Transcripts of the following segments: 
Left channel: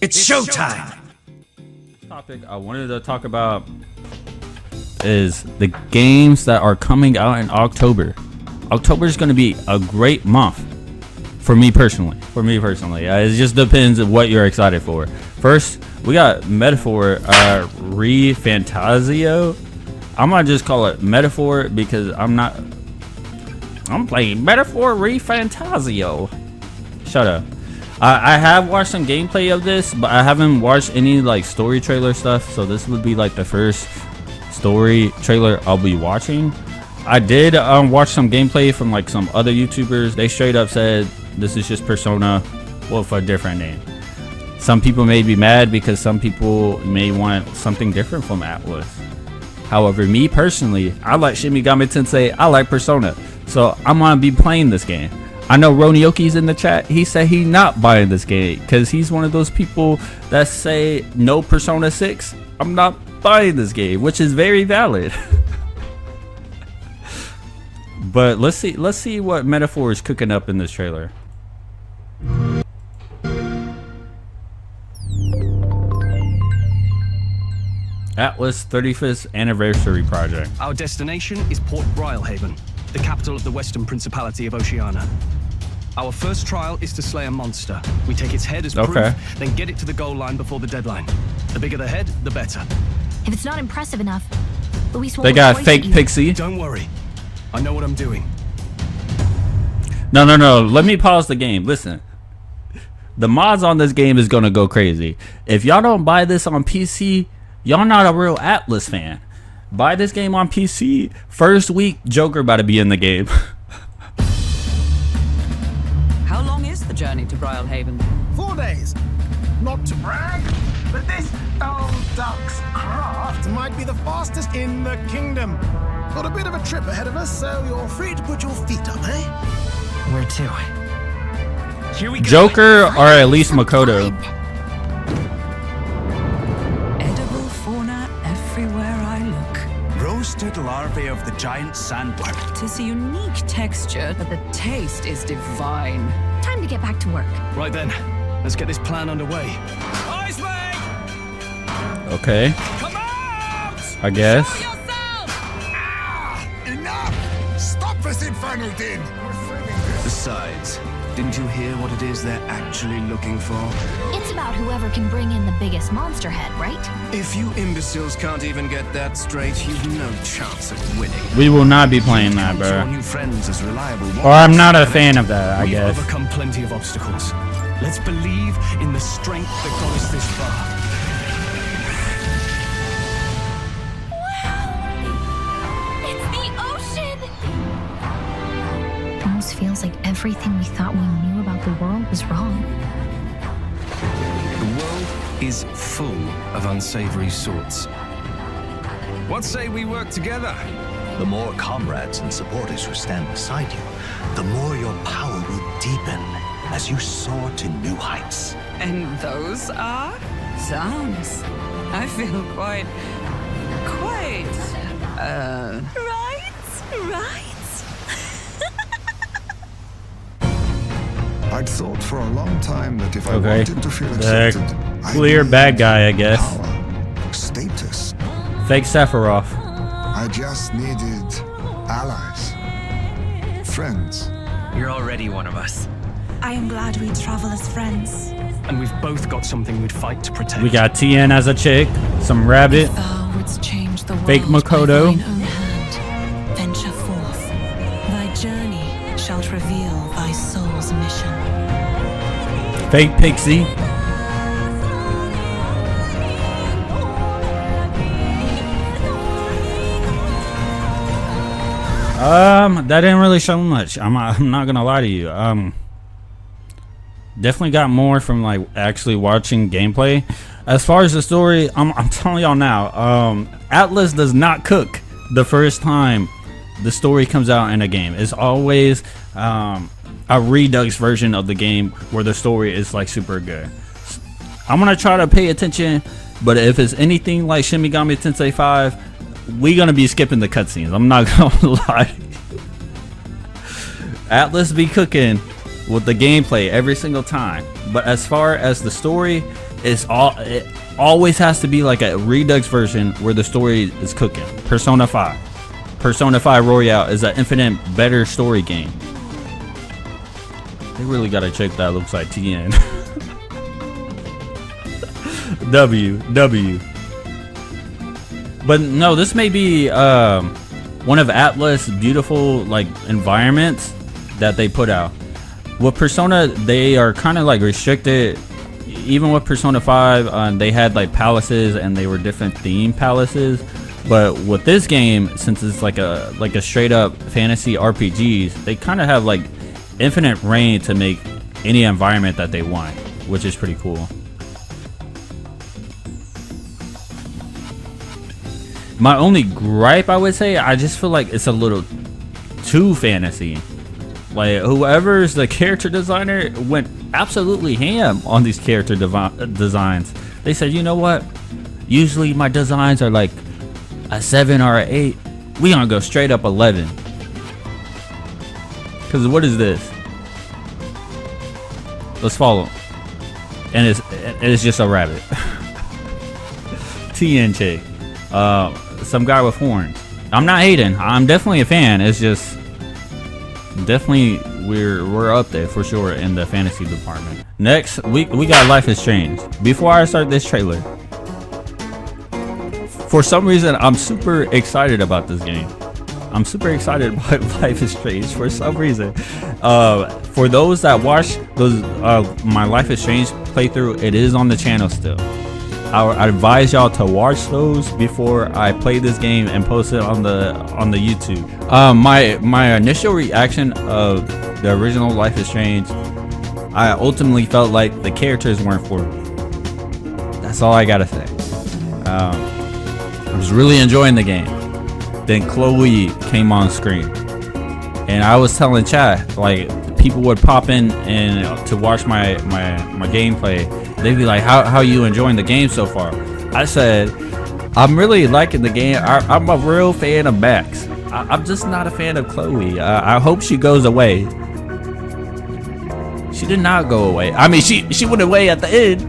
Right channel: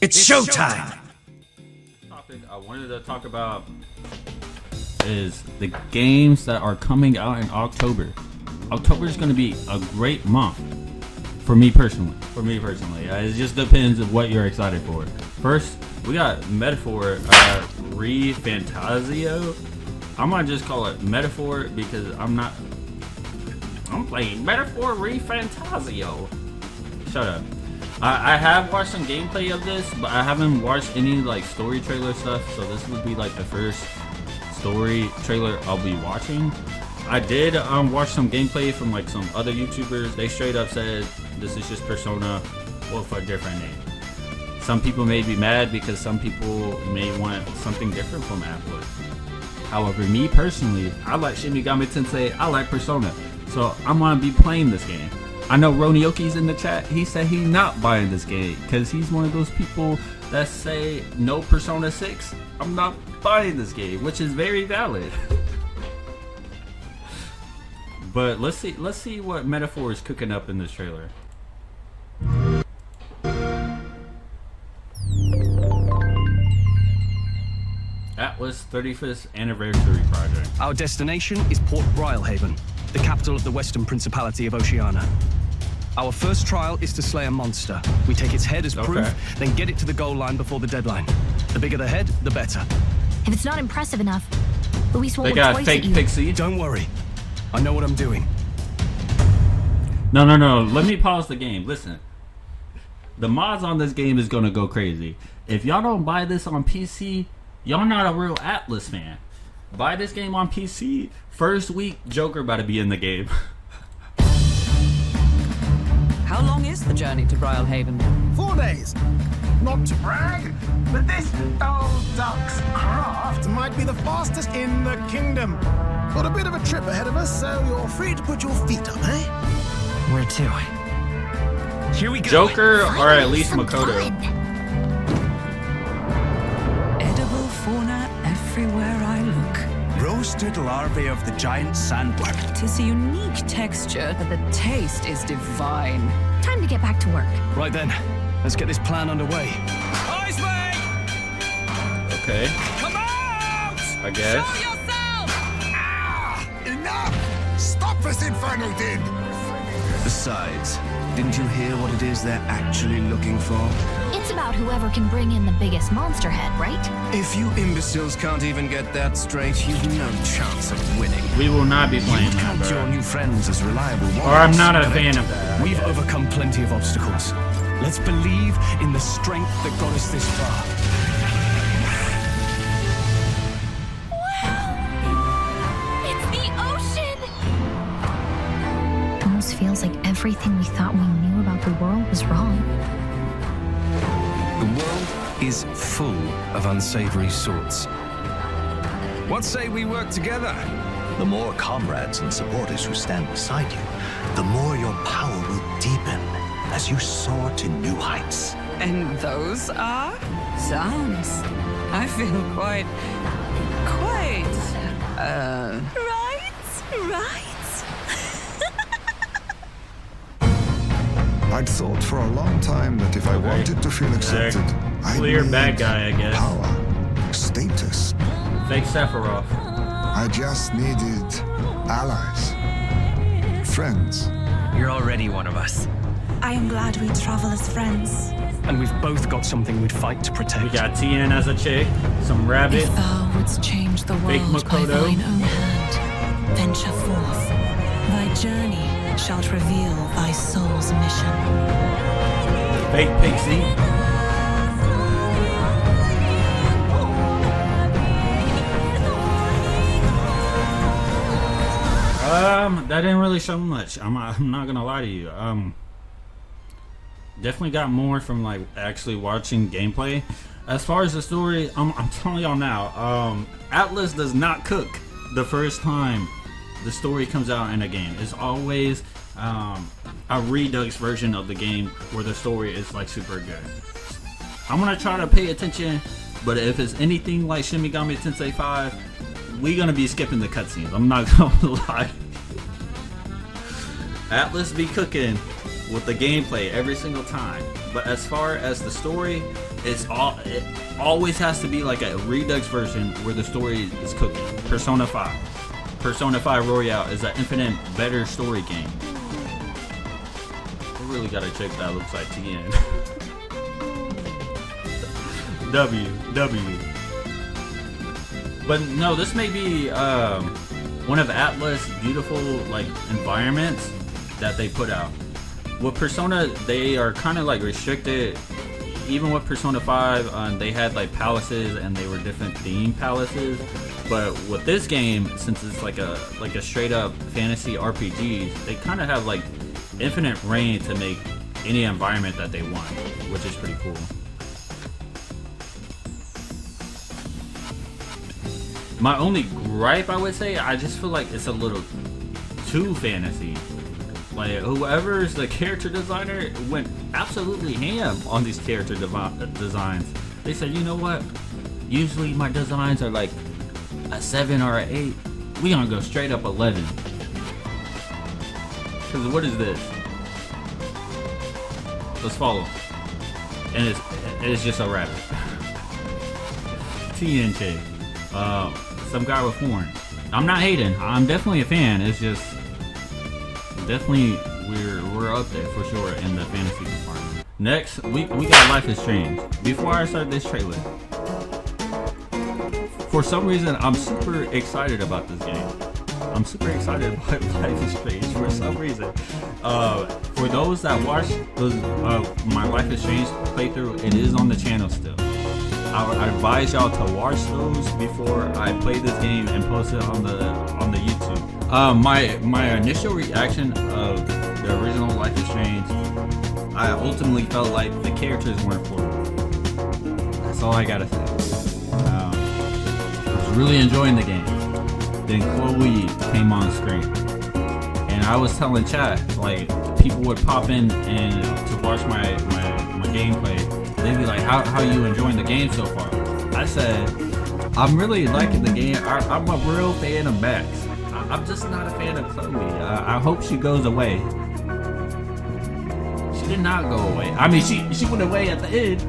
It's showtime! Topic I wanted to talk about is the games that are coming out in October. October is going to be a great month for me personally. It just depends on what you're excited for. First, we got Metaphor Refantazio. I'm gonna just call it Metaphor because I'm playing Metaphor Refantazio. Shut up. I have watched some gameplay of this, but I haven't watched any like story trailer stuff, so this would be like the first story trailer I'll be watching. I did watch some gameplay from like some other YouTubers. They straight up said this is just Persona with a different name. Some people may be mad because some people may want something different from Atlas. However, me personally, I like Shin Megami Tensei, I like Persona, so I'm gonna be playing this game. I know Ronioki's in the chat. He said he's not buying this game because he's one of those people that say no Persona 6. I'm not buying this game, which is very valid. But let's see what Metaphor is cooking up in this trailer. Atlas 35th Anniversary Project. Our destination is Port Brylehaven, the capital of the Western Principality of Oceania. Our first trial is to slay a monster. We take its head as proof, then get it to the goal line before the deadline. The bigger the head, the better. If it's not impressive enough, Luis won't They got look twice fake at you. Pixie. Don't worry. I know what I'm doing. No. Let me pause the game. Listen. The mods on this game is gonna go crazy. If y'all don't buy this on PC, y'all not a real Atlas fan. Buy this game on PC. First week, Joker about to be in the game. How long is the journey to Brylehaven? 4 days. Not to brag, but this old duck's craft might be the fastest in the kingdom. Got a bit of a trip ahead of us, so you're free to put your feet up, eh? Where to? Here we go. Joker or at least Makoto. Edible fauna everywhere I look. Roasted larvae of the giant sandworm. Tis a unique texture, but the taste is divine. Time to get back to work. Right then, let's get this plan underway. Eyes, mate! Okay. Come out! I guess. Show yourself! Enough! Stop this infernal din! Besides, didn't you hear what it is they're actually looking for? It's about whoever can bring in the biggest monster head, right? If you imbeciles can't even get that straight, you've no chance of winning. We will not be playing that, Count your bro. new friends as reliable Or I'm ones. not a fan of that, I We've guess. overcome plenty of obstacles. Let's believe in the strength that got us this far. It's the ocean! Almost feels like everything we thought we knew about the world was wrong. The world is full of unsavory sorts. What say we work together? The more comrades and supporters who stand beside you, the more your power will deepen as you soar to new heights. And those are? Sounds. I feel quite... Right? I'd thought for a long time that if I wanted to feel accepted, I Clear needed bad guy, I guess. power, status. Fake Sephiroth. I just needed allies, friends. You're already one of us. I am glad we travel as friends. And we've both got something we'd fight to protect. We got TN as a chick, some rabbit, If thou wouldst change the world fake Makoto. by thine own hand, venture forth. Thy journey shalt reveal thy soul's mission. fake Pixie. That didn't really show much. I'm not gonna lie to you. Definitely got more from like actually watching gameplay. As far as the story, I'm telling y'all now, Atlas does not cook the first time the story comes out in a game. It's always a redux version of the game where the story is like super good. I'm gonna try to pay attention, but if it's anything like Shin Megami Tensei 5, we gonna be skipping the cutscenes. I'm not gonna lie. Atlas be cooking with the gameplay every single time, but as far as the story, it always has to be like a Redux version where the story is cooking. Persona 5 Royale is an infinite better story game. They really gotta check that. Looks like TN. W. But no, this may be one of Atlas' beautiful like environments that they put out. With Persona, they are kind of like restricted. Even with Persona 5, they had like palaces and they were different theme palaces. But with this game, since it's like a straight up fantasy RPG, they kind of have like infinite reign to make any environment that they want, which is pretty cool. My only gripe, I would say, I just feel like it's a little too fantasy. Like, whoever's the character designer went absolutely ham on these character designs. They said, you know what? Usually my designs are like a 7 or an 8. We gonna go straight up 11. Cause what is this? Let's follow. And it's just a rabbit. TNJ. Some guy with horn. I'm not hating. I'm definitely a fan. It's just definitely we're up there for sure in the fantasy department. Next, we got Life is Strange. Before I start this trailer, for some reason I'm super excited about this game. I'm super excited about Life is Strange for some reason. For those that watch those my Life is Strange playthrough, it is on the channel still. I advise y'all to watch those before I play this game and post it on the YouTube. My initial reaction of the original Life is Strange, I ultimately felt like the characters weren't for me. That's all I gotta say. I was really enjoying the game. Then Chloe came on screen, and I was telling chat, like, people would pop in and to watch my gameplay. They'd be like, how you enjoying the game so far? I said, I'm really liking the game. I'm a real fan of Max. I'm just not a fan of Chloe. I hope she goes away. She did not go away. I mean, she went away at the end.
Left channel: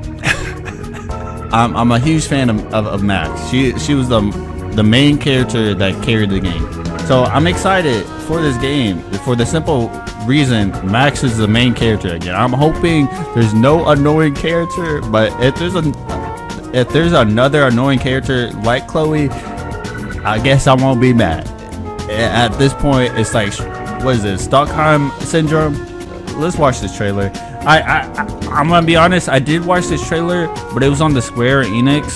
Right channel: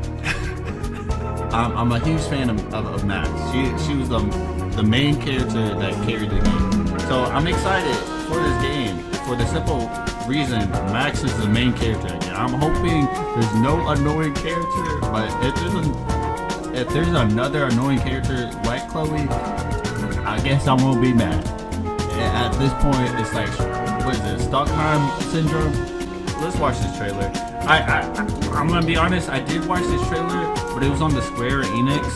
I'm a huge fan of Max. She was the main character that carried the game. So I'm excited for this game for the simple reason Max is the main character again. I'm hoping there's no annoying character, but if there's another annoying character like Chloe, I guess I won't be mad. At this point, it's like, what is it, Stockholm Syndrome? Let's watch this trailer. I'm gonna be honest, I did watch this trailer, but it was on the Square Enix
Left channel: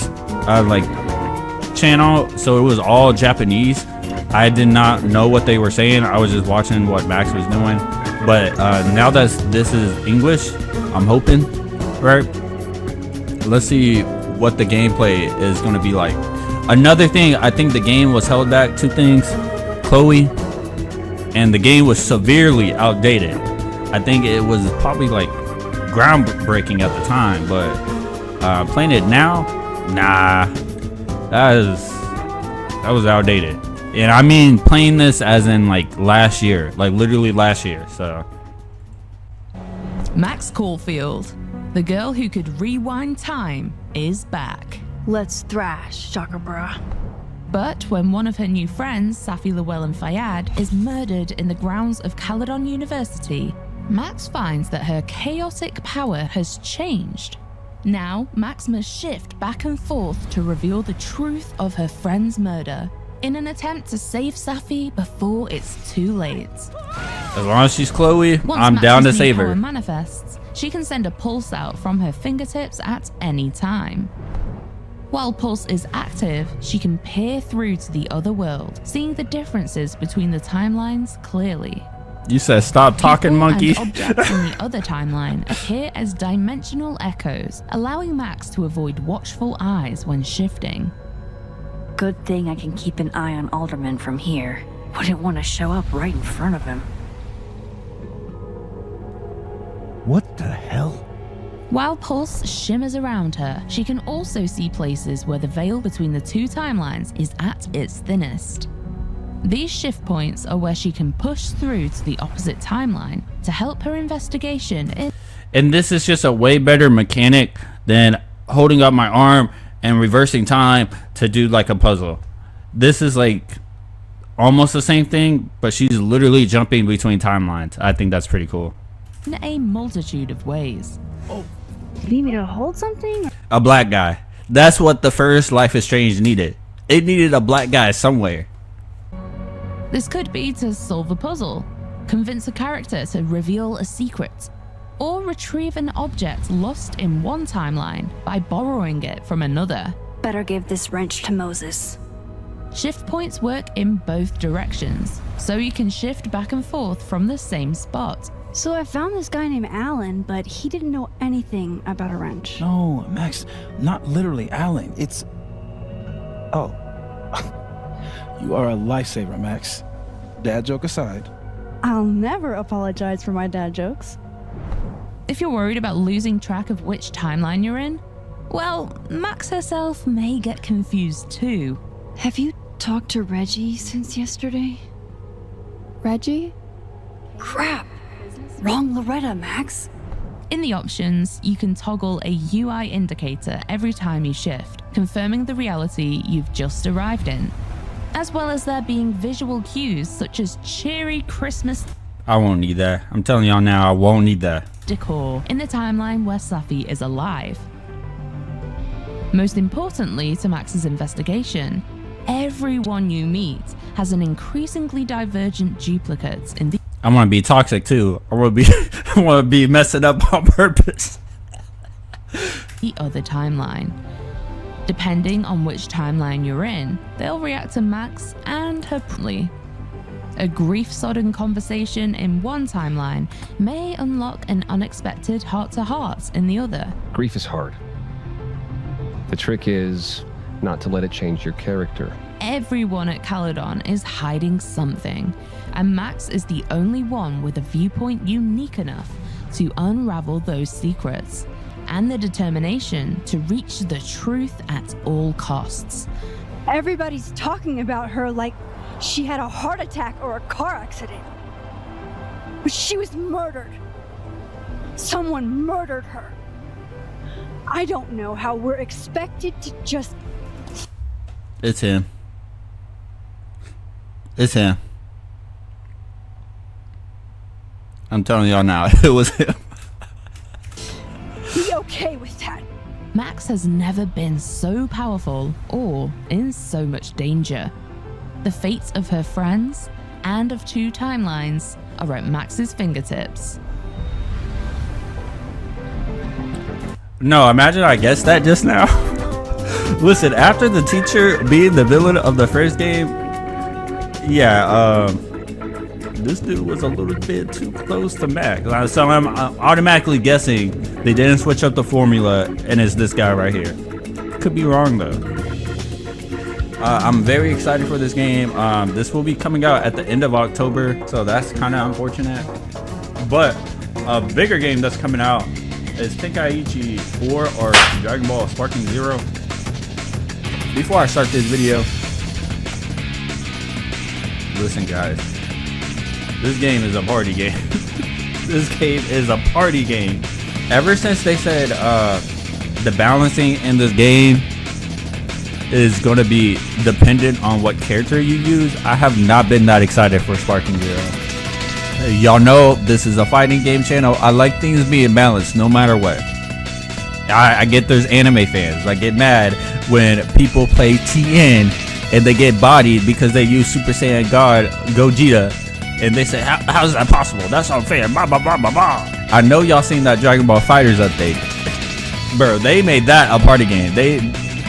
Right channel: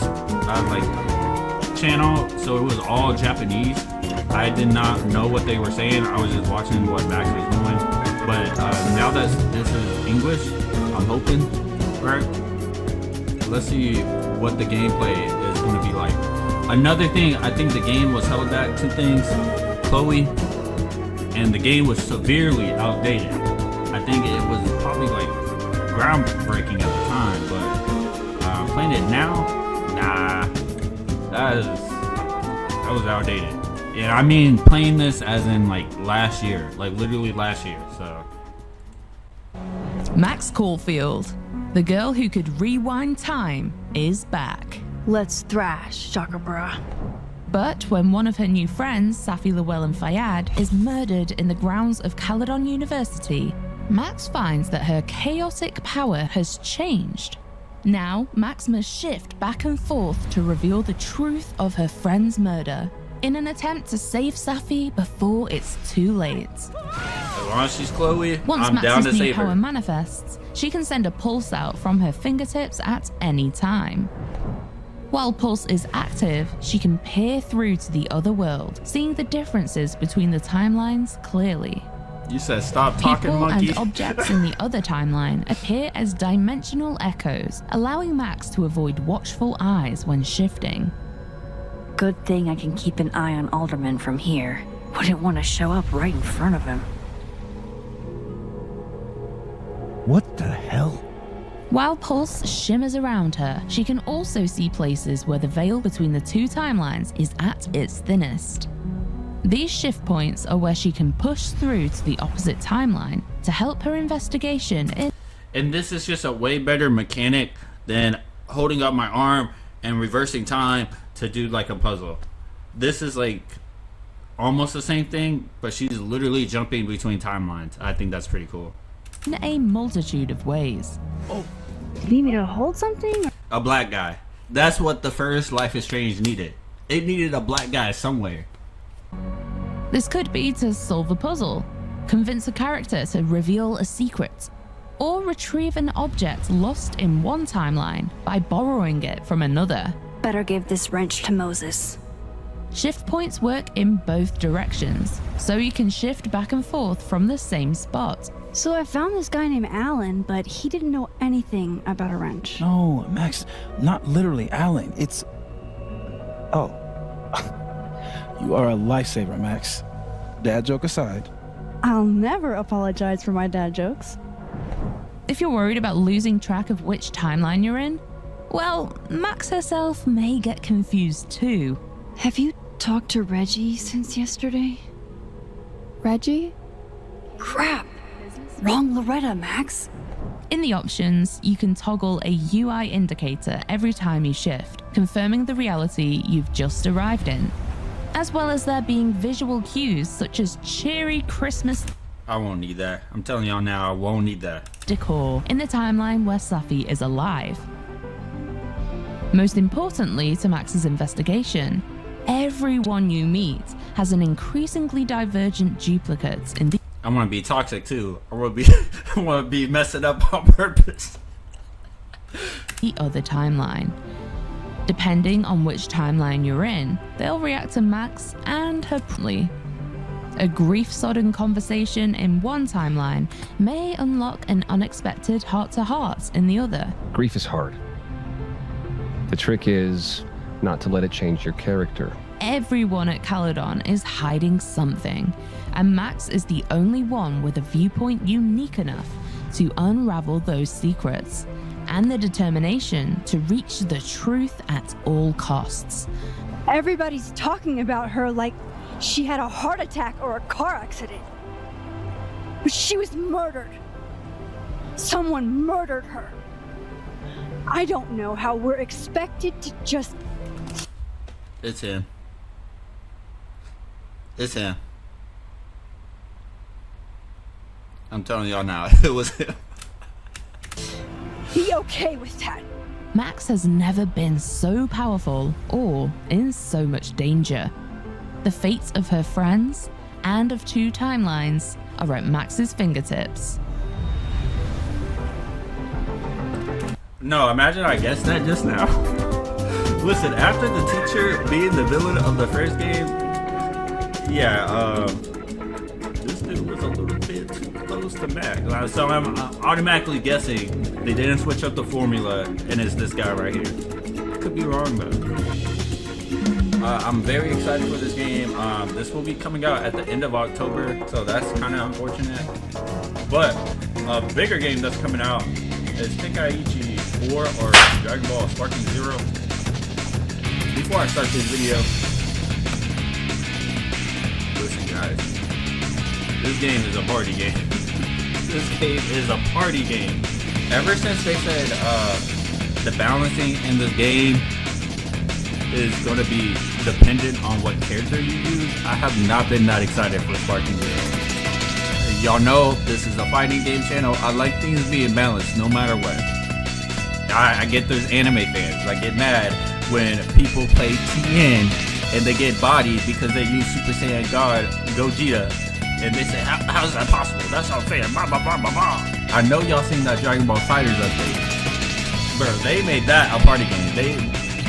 channel, so it was all Japanese. I did not know what they were saying. I was just watching what Max was doing. But now that this is English, I'm hoping, right? Let's see what the gameplay is going to be like. Another thing, I think the game was held back 2 things. Chloe, and the game was severely outdated. I think it was probably like groundbreaking at the time, but playing it now, nah, that was outdated. And I mean playing this as in like last year, like literally last year, so. Max Caulfield, the girl who could rewind time, is back. Let's thrash, Chakra. But when one of her new friends, Safi Llewellyn Fayyad, is murdered in the grounds of Caledon University, Max finds that her chaotic power has changed. Now, Max must shift back and forth to reveal the truth of her friend's murder, in an attempt to save Safi before it's too late. As long as she's Chloe, I'm down to save her. Once Max's new power manifests, she can send a pulse out from her fingertips at any time. While Pulse is active, she can peer through to the other world, seeing the differences between the timelines clearly. You said stop talking, monkey. People and objects in the other timeline appear as dimensional echoes, allowing Max to avoid watchful eyes when shifting. Good thing I can keep an eye on Alderman from here. Wouldn't want to show up right in front of him. What the hell? While Pulse shimmers around her, she can also see places where the veil between the 2 timelines is at its thinnest. These shift points are where she can push through to the opposite timeline to help her investigation in... And this is just a way better mechanic than holding up my arm and reversing time to do like a puzzle. This is like almost the same thing, but she's literally jumping between timelines. I think that's pretty cool. In a multitude of ways. You need me to hold something? A black guy. That's what the first Life is Strange needed. It needed a black guy somewhere. This could be to solve a puzzle, convince a character to reveal a secret, or retrieve an object lost in one timeline by borrowing it from another. Better give this wrench to Moses. Shift points work in both directions, so you can shift back and forth from the same spot. So I found this guy named Alan, but he didn't know anything about a wrench. No, Max, not literally Alan. It's... Oh. You are a lifesaver, Max. Dad joke aside. I'll never apologize for my dad jokes. If you're worried about losing track of which timeline you're in, well, Max herself may get confused too. Have you talked to Reggie since yesterday? Reggie? Crap! Wrong Loretta, Max. In the options, you can toggle a UI indicator every time you shift, confirming the reality you've just arrived in, as well as there being visual cues such as cheery Christmas I won't need that. I'm telling y'all now, I won't need that. decor in the timeline where Safi is alive. Most importantly to Max's investigation, everyone you meet has an increasingly divergent duplicate in the I want to be toxic too. I want to be messing up on purpose. other timeline. Depending on which timeline you're in, they'll react to Max and her promptly. A grief-sodden conversation in one timeline may unlock an unexpected heart-to-heart in the other. Grief is hard. The trick is not to let it change your character. Everyone at Caledon is hiding something, and Max is the only one with a viewpoint unique enough to unravel those secrets, and the determination to reach the truth at all costs. Everybody's talking about her like she had a heart attack or a car accident. But she was murdered. Someone murdered her. I don't know how we're expected to just... It's him. It's him. I'm telling y'all now, it was him. Be okay with that. Max has never been so powerful or in so much danger. The fates of her friends and of two timelines are at Max's fingertips. No, imagine I guessed that just now. Listen, after the teacher being the villain of the first game, yeah, this dude was a little bit too close to Max. So I'm automatically guessing they didn't switch up the formula and it's this guy right here. Could be wrong though. I'm very excited for this game. This will be coming out at the end of October, so that's kind of unfortunate. But a bigger game that's coming out is Tenkaichi 4 or Dragon Ball Sparking Zero. Before I start this video, listen guys, this game is a party game. This game is a party game. Ever since they said the balancing in this game is going to be dependent on what character you use, I have not been that excited for Sparking Zero. Y'all know this is a fighting game channel. I like things being balanced no matter what. I get there's anime fans. I get mad when people play TN and they get bodied because they use Super Saiyan God Gogeta, and they say, how is that possible? That's unfair. Blah, blah, blah, blah, blah. I know y'all seen that Dragon Ball FighterZ update. Bro, they made that a party game.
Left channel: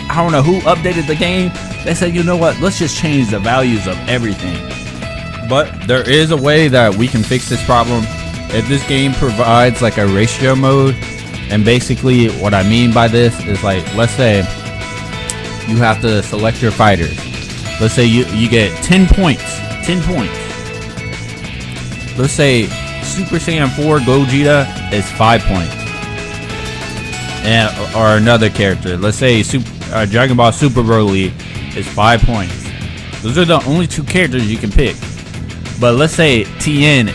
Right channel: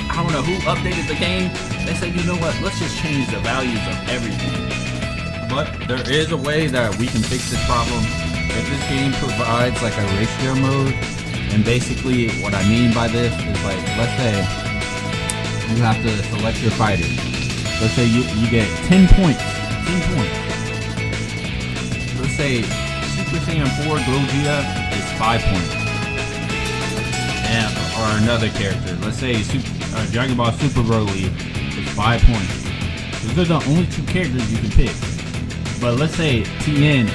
I don't know who updated the game. They said, you know what? Let's just change the values of everything. But there is a way that we can fix this problem. If this game provides like a ratio mode, and basically what I mean by this is like, let's say you have to select your fighters. Let's say you get 10 points. 10 points. Let's say Super Saiyan 4 Gogeta is 5 points. And or another character. Let's say Dragon Ball Super Broly is 5 points. Those are the only two characters you can pick. But let's say Tien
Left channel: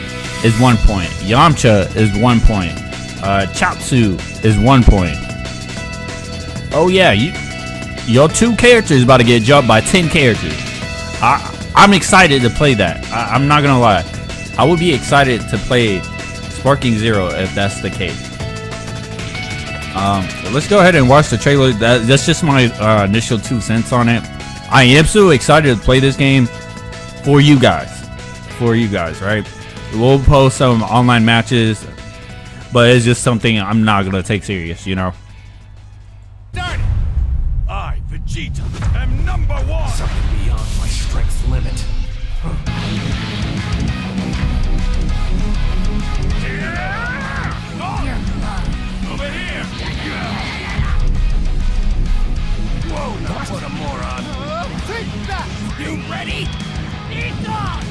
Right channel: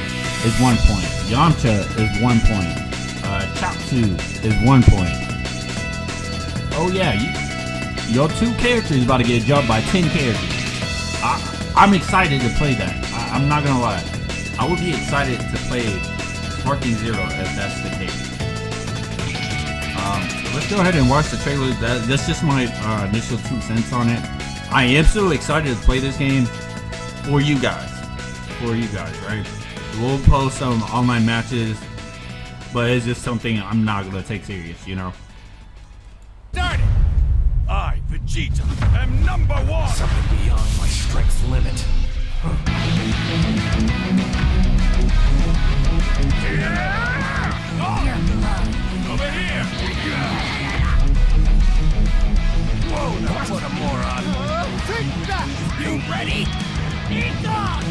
is 1 point. Yamcha is 1 point. Chaozu is 1 point. Oh yeah, your 2 characters about to get jumped by 10 characters. I'm excited to play that. I'm not gonna lie. I would be excited to play Sparking Zero if that's the case. Let's go ahead and watch the trailer. That's just my initial 2 cents on it. I am so excited to play this game for you guys. Right? We'll post some online matches, but it's just something I'm not gonna take serious, you know. Start it! I, Vegeta, am #1! Something beyond my strength's limit. Over here! Whoa, now what a moron! Take that! You ready? Eat dog!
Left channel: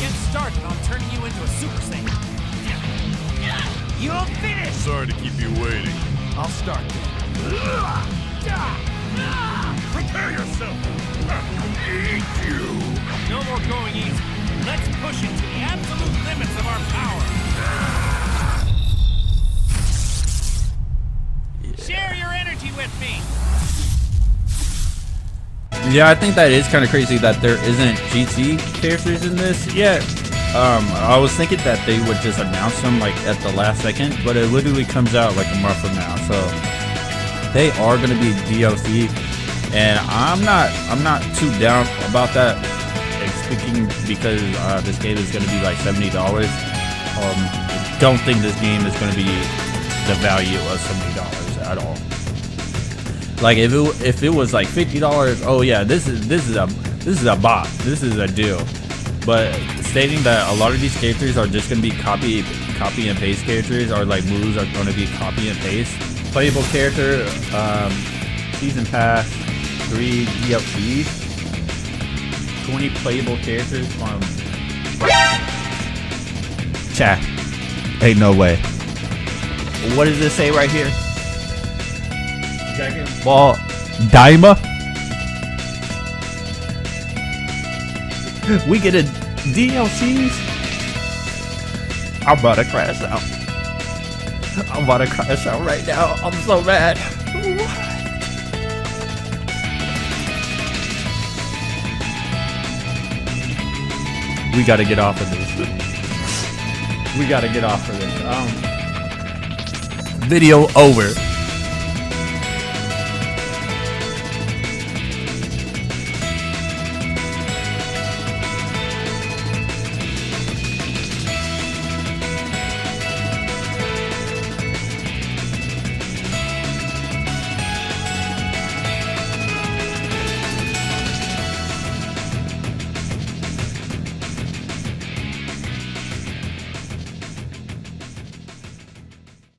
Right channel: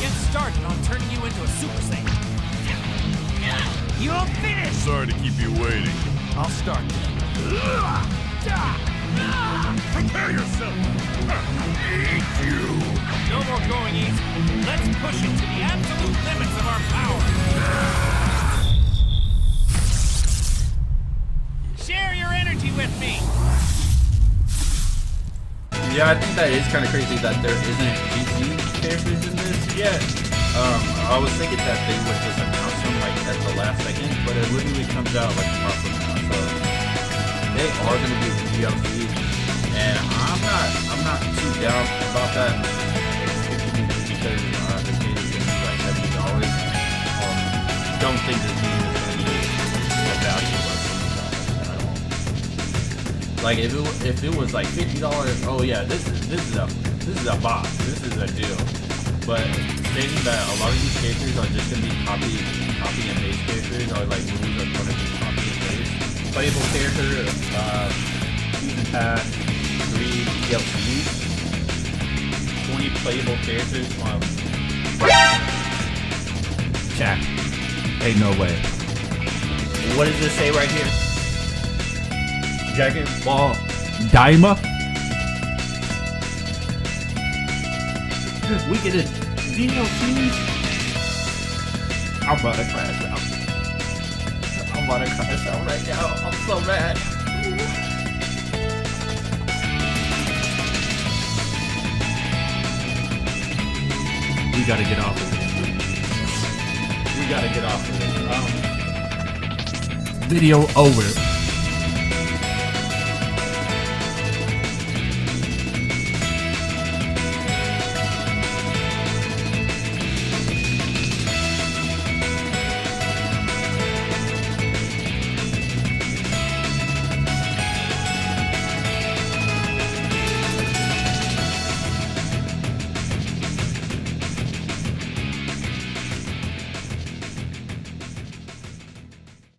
Get started on turning you into a Super Saiyan. You'll finish! Sorry to keep you waiting. I'll start then. Prepare yourself! Eat you! No more going easy. Let's push it to the absolute limits of our power. Share your energy with me. Yeah, I think that is kind of crazy that there isn't GT characters in this yet. I was thinking that they would just announce them like at the last second, but it literally comes out like a month from now. So they are going to be DLC, and I'm not too down about that. Because this game is going to be like $70. Don't think this game is going to be the value of $70 at all. Like if it was like $50, oh yeah, this is a bot, this is a deal. But stating that a lot of these characters are just going to be copy and paste characters, or like moves are going to be copy and paste. Playable character, season pass, 3 DLCs. 20 playable characters from chat. Ain't no way. What does this say right here? Dragon Ball Daima? We get a DLCs? I'm about to crash out. I'm about to crash out right now. I'm so mad. We gotta get off of this. We gotta get off of this. Video over.